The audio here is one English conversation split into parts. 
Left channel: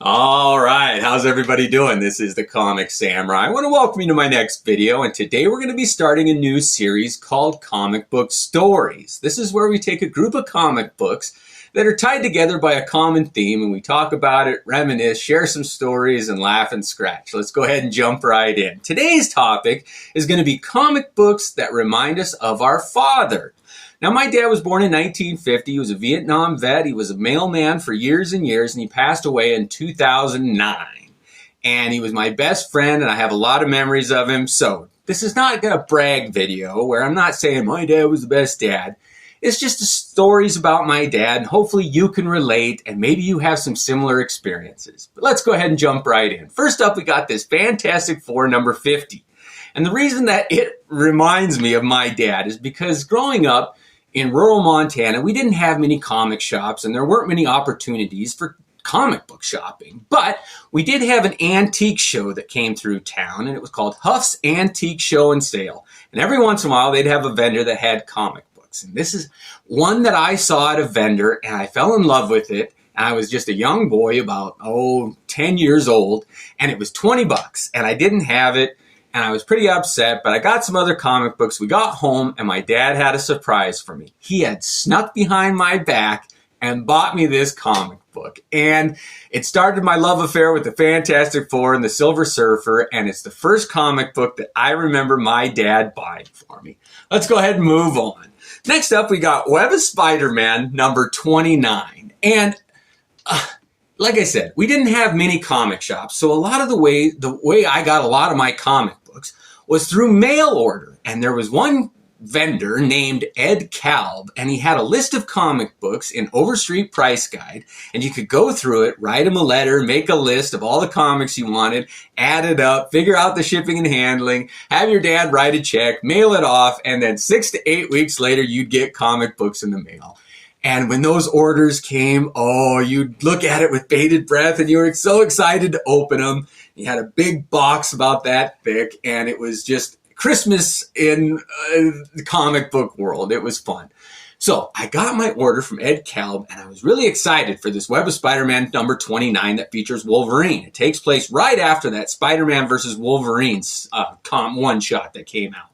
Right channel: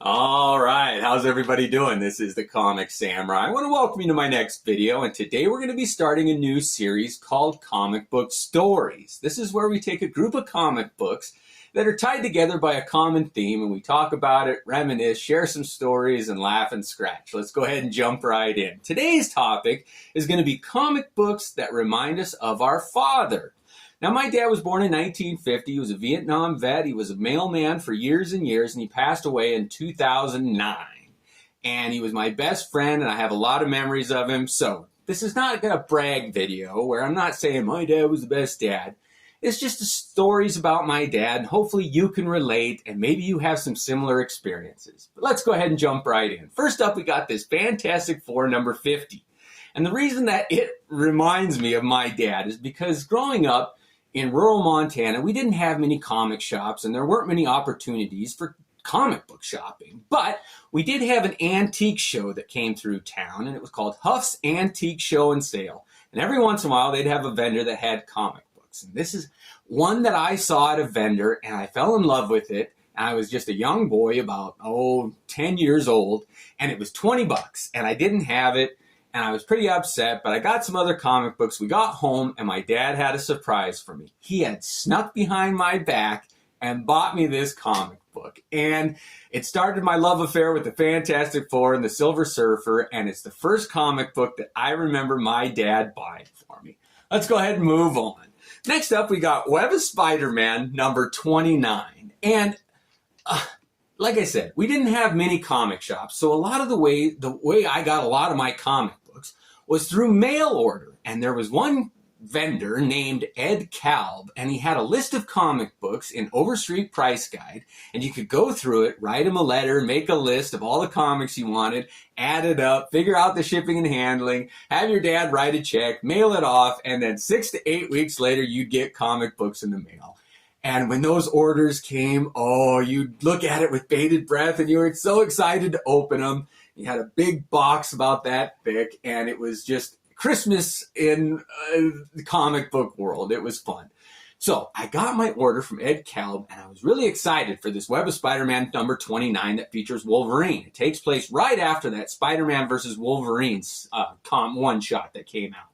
All right, how's everybody doing? This is the Comicsamurai. I want to welcome you to my next video, and today we're going to be starting a new series called Comic Book Stories. This is where we take a group of comic books that are tied together by a common theme, and we talk about it, reminisce, share some stories, and laugh and scratch. Let's go ahead and jump right in. Today's topic is going to be comic books that remind us of our father. Now, my dad was born in 1950. He was a Vietnam vet. He was a mailman for years and years, and he passed away in 2009. And he was my best friend, and I have a lot of memories of him. So this is not a brag video where I'm not saying my dad was the best dad. It's just stories about my dad, and hopefully you can relate, and maybe you have some similar experiences. But let's go ahead and jump right in. First up, we got this Fantastic Four number 50. And the reason that it reminds me of my dad is because growing up, in rural Montana, we didn't have many comic shops and there weren't many opportunities for comic book shopping. But we did have an antique show that came through town, and it was called Huff's Antique Show and Sale. And every once in a while, they'd have a vendor that had comic books. And this is one that I saw at a vendor, and I fell in love with it. And I was just a young boy, about, 10 years old, and it was 20 bucks, and I didn't have it. And I was pretty upset, but I got some other comic books. We got home, and my dad had a surprise for me. He had snuck behind my back and bought me this comic book. And it started my love affair with the Fantastic Four and the Silver Surfer, and it's the first comic book that I remember my dad buying for me. Let's go ahead and move on. Next up, we got Web of Spider-Man number 29. And like I said, we didn't have many comic shops, so a lot of the way I got a lot of my comic books was through mail order. And there was one vendor named Ed Kalb, and he had a list of comic books in Overstreet Price Guide, and you could go through it, write him a letter, make a list of all the comics you wanted, add it up, figure out the shipping and handling, have your dad write a check, mail it off, and then 6 to 8 weeks later, you'd get comic books in the mail. And when those orders came, you'd look at it with bated breath, and you were so excited to open them. You had a big box about that thick, and it was just Christmas in the comic book world. It was fun. So I got my order from Ed Kalb, and I was really excited for this Web of Spider-Man number 29 that features Wolverine. It takes place right after that Spider-Man versus Wolverine's one-shot that came out.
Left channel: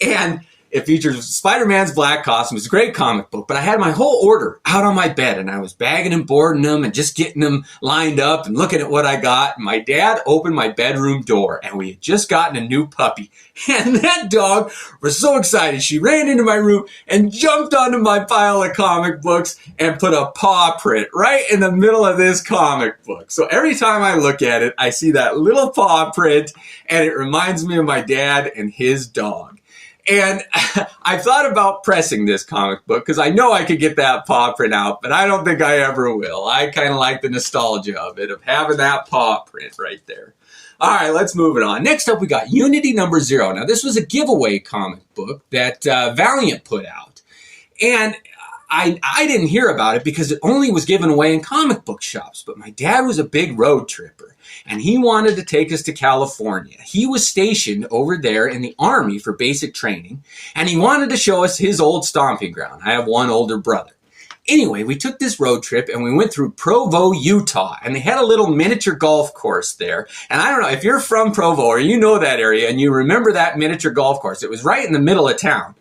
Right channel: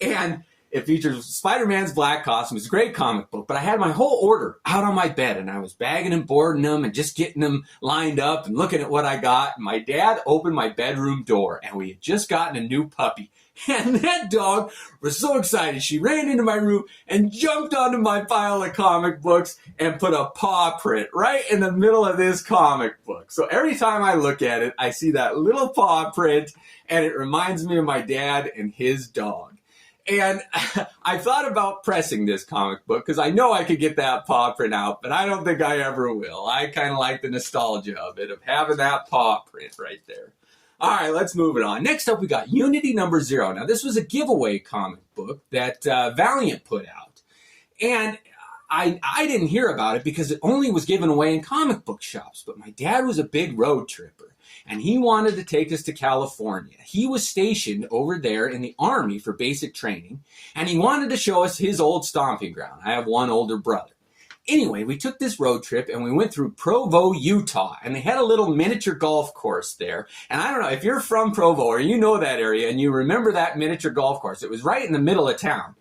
And it features Spider-Man's black costume. It's a great comic book, but I had my whole order out on my bed, and I was bagging and boarding them and just getting them lined up and looking at what I got. And my dad opened my bedroom door, and we had just gotten a new puppy. And that dog was so excited. She ran into my room and jumped onto my pile of comic books and put a paw print right in the middle of this comic book. So every time I look at it, I see that little paw print, and it reminds me of my dad and his dog. And I thought about pressing this comic book because I know I could get that paw print out, but I don't think I ever will. I kind of like the nostalgia of it, of having that paw print right there. All right, let's move it on. Next up, we got Unity number 0. Now, this was a giveaway comic book that Valiant put out. And I didn't hear about it because it only was given away in comic book shops. But my dad was a big road tripper, and he wanted to take us to California. He was stationed over there in the Army for basic training, and he wanted to show us his old stomping ground. I have one older brother. Anyway, we took this road trip, and we went through Provo, Utah, and they had a little miniature golf course there. And I don't know, if you're from Provo or you know that area and you remember that miniature golf course, it was right in the middle of town.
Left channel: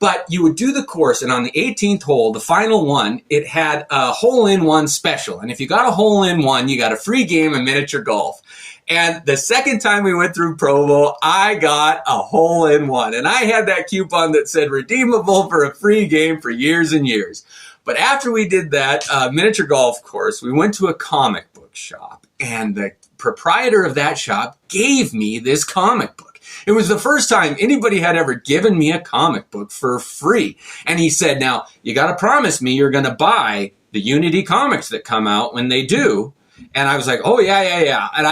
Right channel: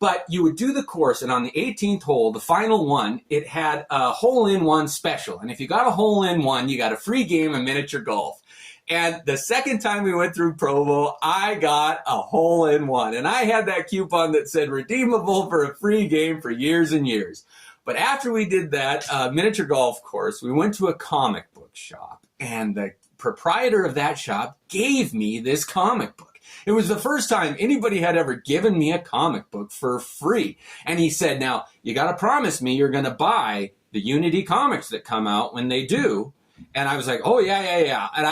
But you would do the course, and on the 18th hole, the final one, it had a hole-in-one special. And if you got a hole-in-one, you got a free game of miniature golf. And the second time we went through Provo, I got a hole-in-one. And I had that coupon that said redeemable for a free game for years and years. But after we did that miniature golf course, we went to a comic book shop. And the proprietor of that shop gave me this comic book. It was the first time anybody had ever given me a comic book for free. And he said, now, you got to promise me you're going to buy the Unity comics that come out when they do. And I was like, oh, yeah. And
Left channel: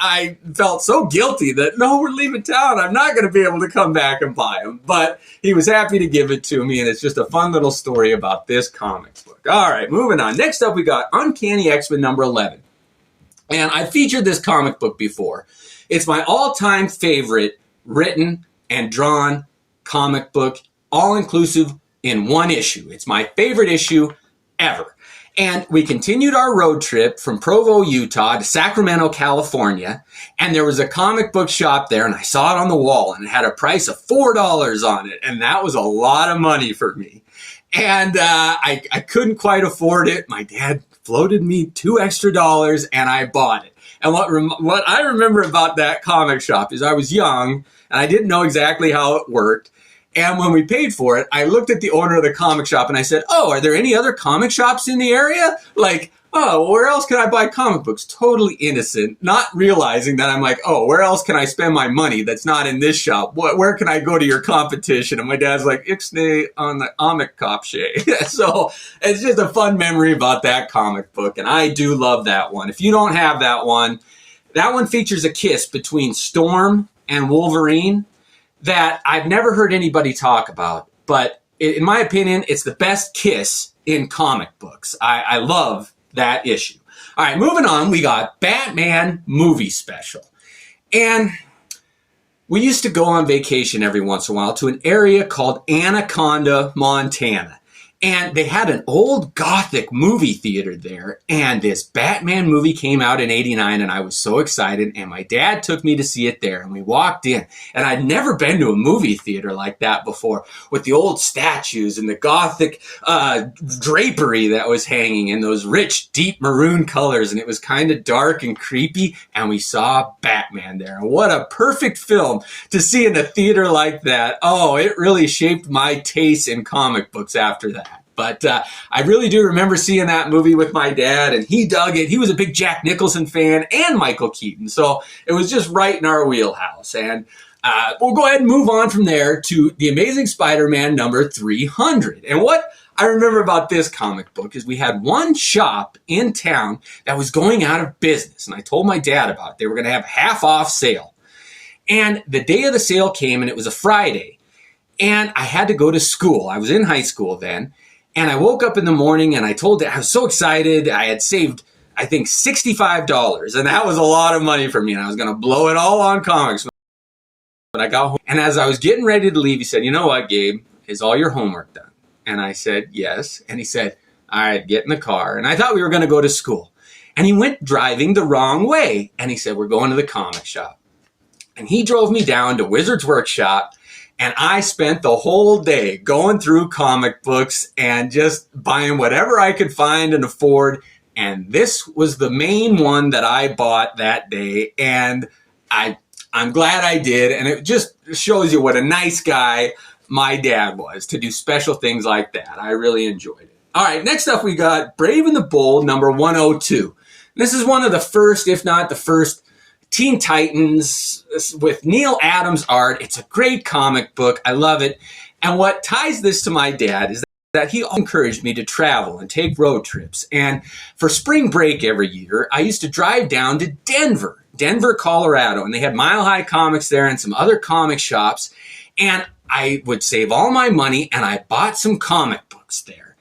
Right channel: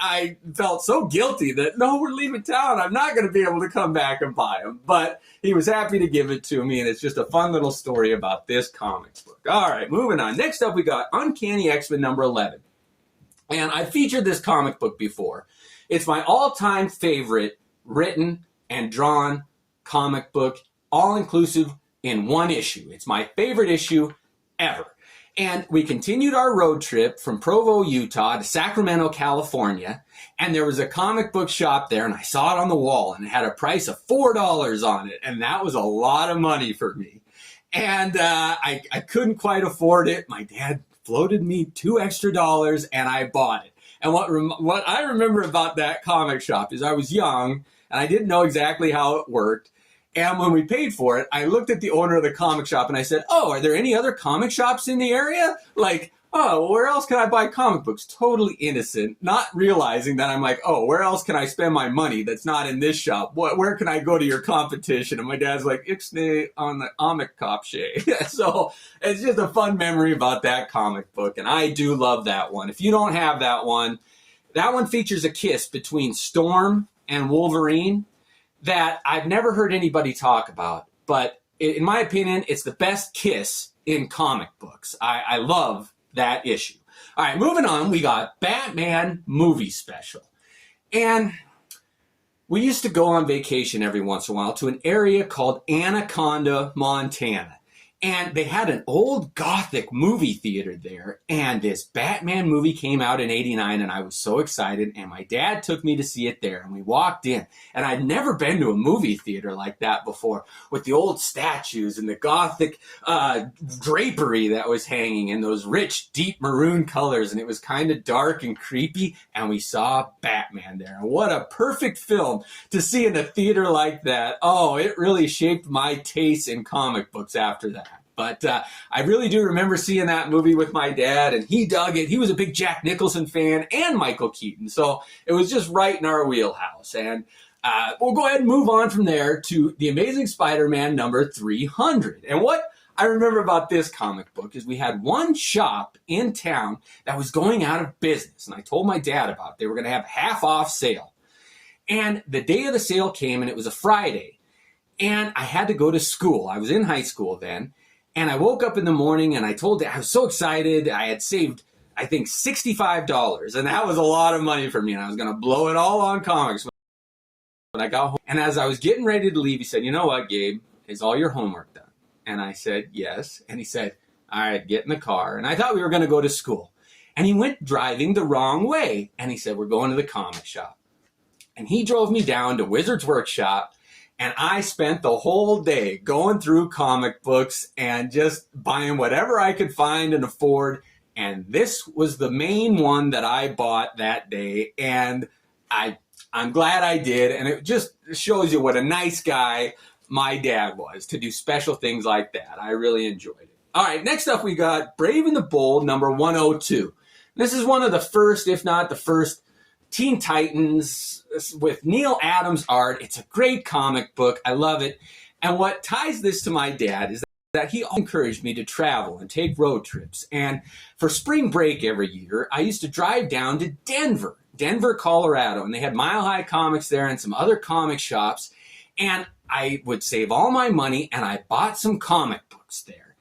I felt so guilty that, no, we're leaving town. I'm not going to be able to come back and buy them. But he was happy to give it to me. And it's just a fun little story about this comic book. All right, moving on. Next up, we got Uncanny XMen number 11. And I featured this comic book before. It's my all-time favorite written and drawn comic book, all-inclusive in one issue. It's my favorite issue ever. And we continued our road trip from Provo, Utah to Sacramento, California. And there was a comic book shop there, and I saw it on the wall, and it had a price of $4 on it. And that was a lot of money for me. And I couldn't quite afford it. My dad floated me $2 extra, and I bought it. And what I remember about that comic shop is I was young, and I didn't know exactly how it worked. And when we paid for it, I looked at the owner of the comic shop and I said, "Oh, are there any other comic shops in the area? Like, oh, where else can I buy comic books?" Totally innocent, not realizing that I'm like, oh, where else can I spend my money that's not in this shop? Where can I go to your competition? And my dad's like, "Ixnay on the comic cop shay." So it's just a fun memory about that comic book. And I do love that one. If you don't have that one features a kiss between Storm and Wolverine that I've never heard anybody talk about. But in my opinion, it's the best kiss in comic books. I love that issue. All right, moving on, we got Batman movie special. And we used to go on vacation every once in a while to an area called Anaconda, Montana. And they had an old Gothic movie theater there. And this Batman movie came out in '89, and I was so excited. And my dad took me to see it there. And we walked in. And I'd never been to a movie theater like that before, with the old statues and the Gothic drapery that was hanging and those rich, deep maroon colors. And it was kind of dark and creepy. And we saw Batman there. And what a perfect film to see in a theater like that. Oh, it really shaped my taste in comic books after that. But I really do remember seeing that movie with my dad, and he dug it. He was a big Jack Nicholson fan and Michael Keaton, so it was just right in our wheelhouse. And we'll go ahead and move on from there to The Amazing Spider-Man number 300. And what I remember about this comic book is we had one shop in town that was going out of business, and I told my dad about it. They were going to have a half-off sale. And the day of the sale came, and it was a Friday, and I had to go to school. I was in high school then. And I woke up in the morning and I told it, I was so excited. I had saved, I think, $65. And that was a lot of money for me. And I was going to blow it all on comics when I got home. And as I was getting ready to leave, he said, "You know what, Gabe? Is all your homework done?" And I said, "Yes." And he said, "All right, get in the car." And I thought we were going to go to school. And he went driving the wrong way. And he said, "We're going to the comic shop." And he drove me down to Wizard's Workshop. And I spent the whole day going through comic books and just buying whatever I could find and afford. And this was the main one that I bought that day. And I'm glad I did. And it just shows you what a nice guy my dad was to do special things like that. I really enjoyed it. All right, next up we got Brave and the Bold number 102. This is one of the first, if not the first, Teen Titans with Neil Adams art. It's a great comic book. I love it. And what ties this to my dad is that he encouraged me to travel and take road trips. And for spring break every year, I used to drive down to Denver, Colorado. And they had Mile High Comics there and some other comic shops. And I would save all my money and I bought some comic books there.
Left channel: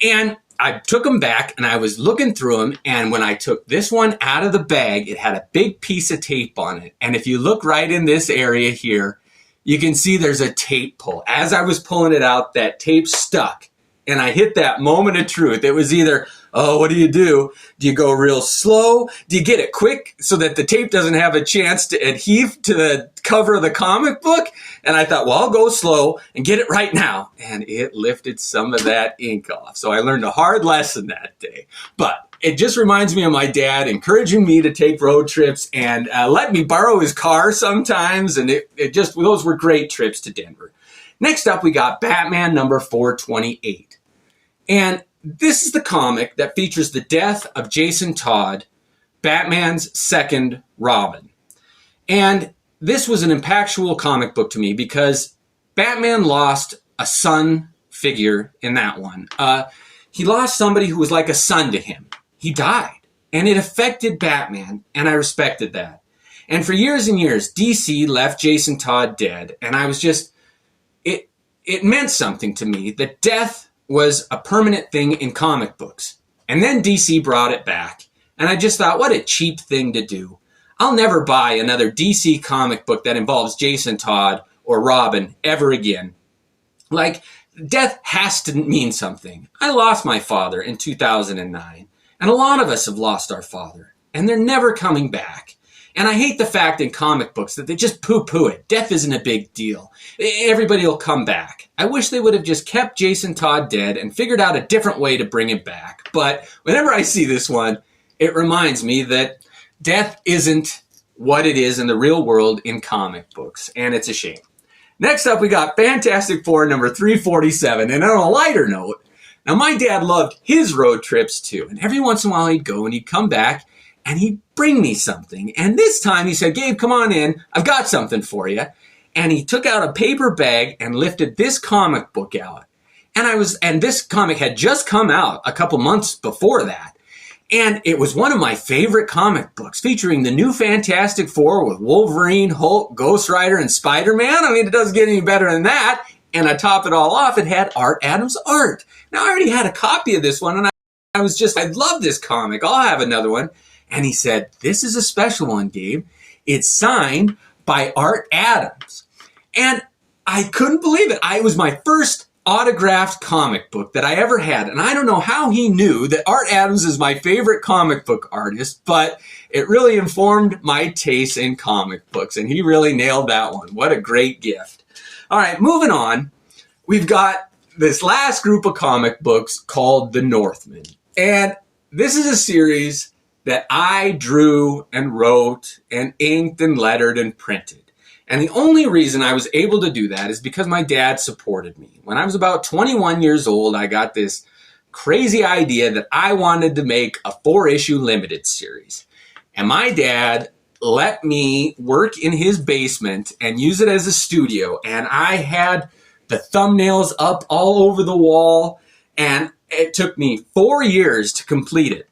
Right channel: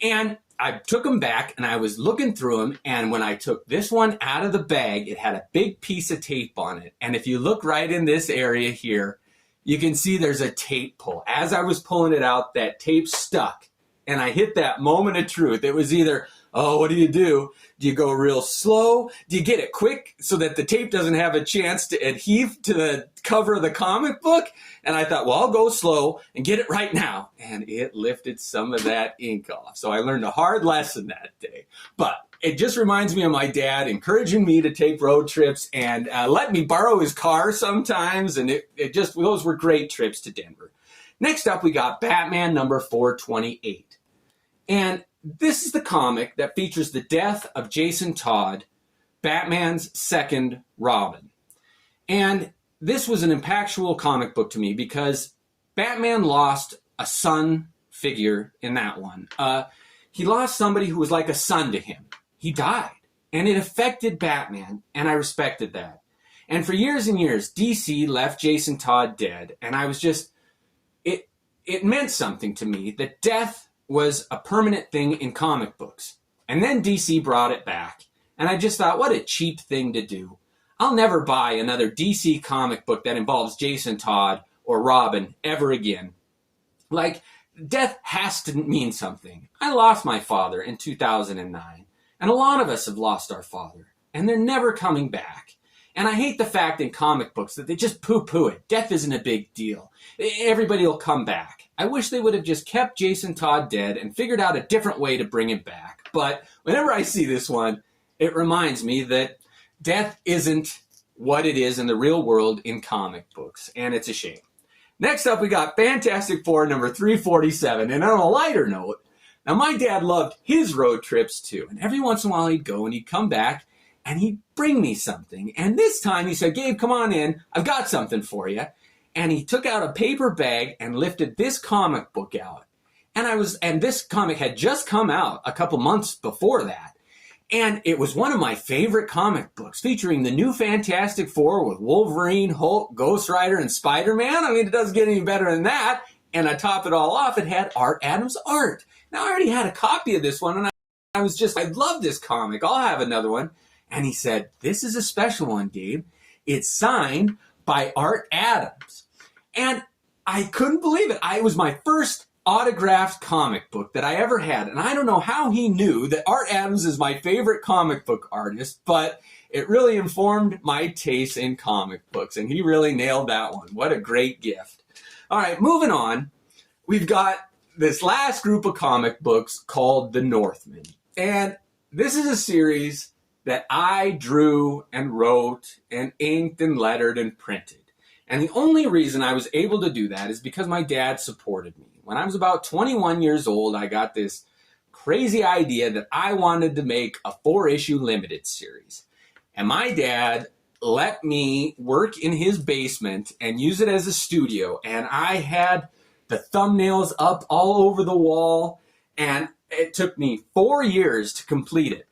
And I took them back and I was looking through them. And when I took this one out of the bag, it had a big piece of tape on it. And if you look right in this area here, you can see there's a tape pull. As I was pulling it out, that tape stuck. And I hit that moment of truth. It was either, oh, what do? Do you go real slow? Do you get it quick so that the tape doesn't have a chance to adhere to the cover of the comic book? And I thought, well, I'll go slow and get it right now. And it lifted some of that ink off. So I learned a hard lesson that day. But it just reminds me of my dad encouraging me to take road trips and let me borrow his car sometimes. And those were great trips to Denver. Next up, we got Batman number 428. And this is the comic that features the death of Jason Todd, Batman's second Robin. And this was an impactful comic book to me because Batman lost a son figure in that one. He lost somebody who was like a son to him. He died. And it affected Batman, and I respected that. And for years and years, DC left Jason Todd dead, and I was just... It meant something to me that death was a permanent thing in comic books. And then DC brought it back. And I just thought, what a cheap thing to do. I'll never buy another DC comic book that involves Jason Todd or Robin ever again. Like, death has to mean something. I lost my father in 2009, and a lot of us have lost our father, and they're never coming back. And I hate the fact in comic books that they just poo-poo it. Death isn't a big deal. Everybody will come back. I wish they would have just kept Jason Todd dead and figured out a different way to bring him back. But whenever I see this one, it reminds me that death isn't what it is in the real world in comic books, and it's a shame. Next up, we got Fantastic Four number 347. And on a lighter note, now my dad loved his road trips too. And every once in a while he'd go and he'd come back and he'd bring me something. And this time he said, Gabe, come on in. I've got something for you. And he took out a paper bag and lifted this comic book out. And this comic had just come out a couple months before that. And it was one of my favorite comic books, featuring the new Fantastic Four with Wolverine, Hulk, Ghost Rider, and SpiderMan. I mean, it doesn't get any better than that. And to top it all off, it had Art Adams art. Now, I already had a copy of this one, and I love this comic. I'll have another one. And he said, this is a special one, Gabe. It's signed by Art Adams. And I couldn't believe it. It was my first autographed comic book that I ever had. And I don't know how he knew that Art Adams is my favorite comic book artist, but it really informed my taste in comic books. And he really nailed that one. What a great gift. All right, moving on. We've got this last group of comic books called The Northmen. And this is a series that I drew and wrote and inked and lettered and printed. And the only reason I was able to do that is because my dad supported me. When I was about 21 years old, I got this crazy idea that I wanted to make a 4-issue limited series. And my dad let me work in his basement and use it as a studio. And I had the thumbnails up all over the wall. And it took me 4 years to complete it.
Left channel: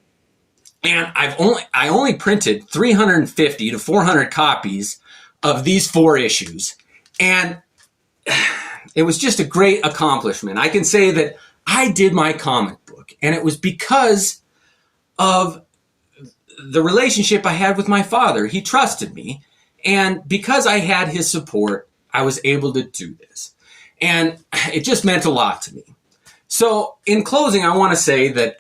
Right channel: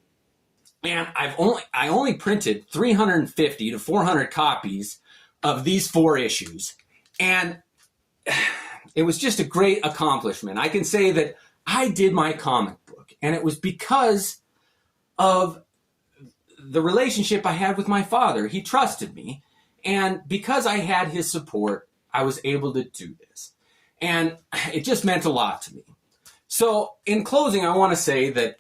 And I only printed 350 to 400 copies of these 4 issues. And it was just a great accomplishment. I can say that I did my comic book, and it was because of the relationship I had with my father. He trusted me, and because I had his support, I was able to do this. And it just meant a lot to me. So in closing, I want to say that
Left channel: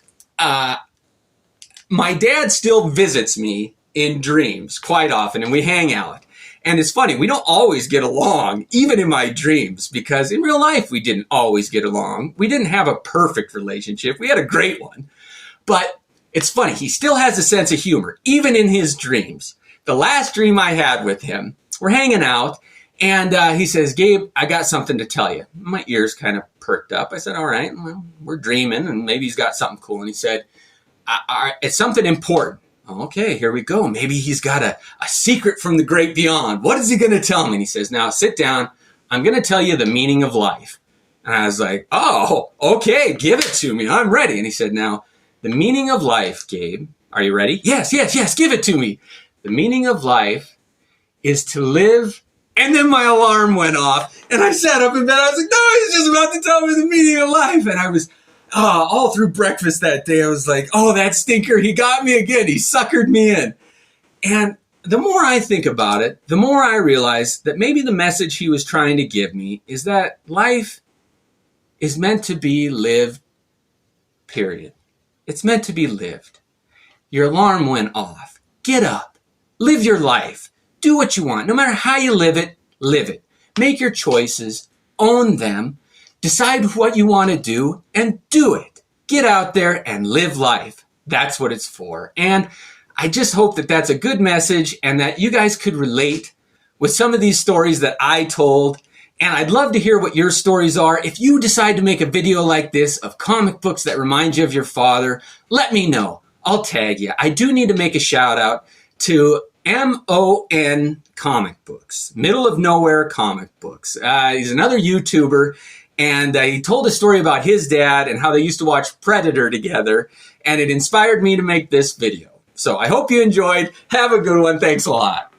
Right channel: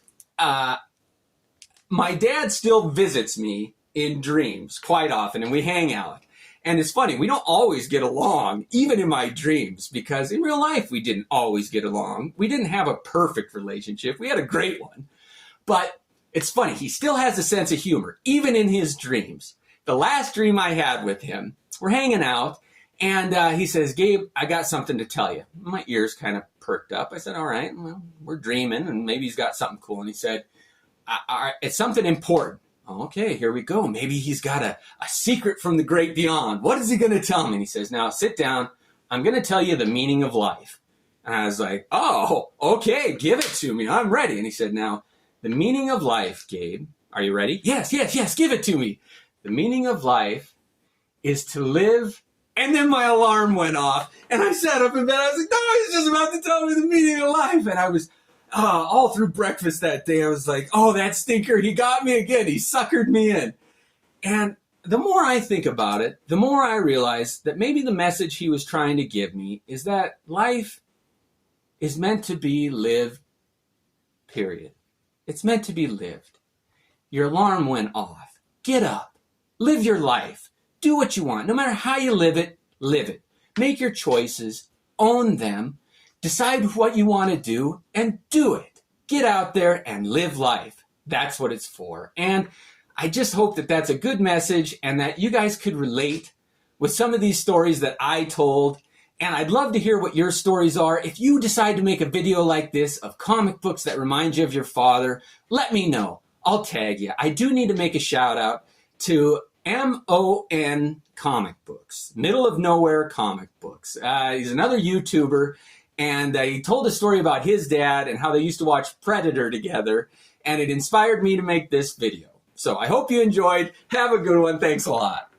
my dad still visits me in dreams quite often, and we hang out. And it's funny, we don't always get along, even in my dreams, because in real life, we didn't always get along. We didn't have a perfect relationship. We had a great one. But it's funny, he still has a sense of humor, even in his dreams. The last dream I had with him, we're hanging out, and he says, Gabe, I got something to tell you. My ears kind of perked up. I said, all right, well, we're dreaming, and maybe he's got something cool. And he said, it's something important. Okay, here we go. Maybe he's got a secret from the great beyond. What is he going to tell me? And he says, now sit down. I'm going to tell you the meaning of life. And I was like, oh, okay, give it to me. I'm ready. And he said, now, the meaning of life, Gabe, are you ready? Yes, give it to me. The meaning of life is to live. And then my alarm went off. And I sat up in bed. I was like, no, he's just about to tell me the meaning of life. And I was all through breakfast that day, I was like, oh, that stinker, he got me again. He suckered me in. And the more I think about it, the more I realize that maybe the message he was trying to give me is that life is meant to be lived, period. It's meant to be lived. Your alarm went off. Get up. Live your life. Do what you want. No matter how you live it, live it. Make your choices. Own them. Decide what you want to do and do it. Get out there and live life. That's what it's for. And I just hope that that's a good message and that you guys could relate with some of these stories that I told. And I'd love to hear what your stories are. If you decide to make a video like this of comic books that remind you of your father, let me know. I'll tag you. I do need to make a shout out to M.O.N.Comics, Middle of Nowhere Comic Books. He's another YouTuber. And he told a story about his dad and how they used to watch Predator together. And it inspired me to make this video. So I hope you enjoyed. Have a good one. Thanks a lot.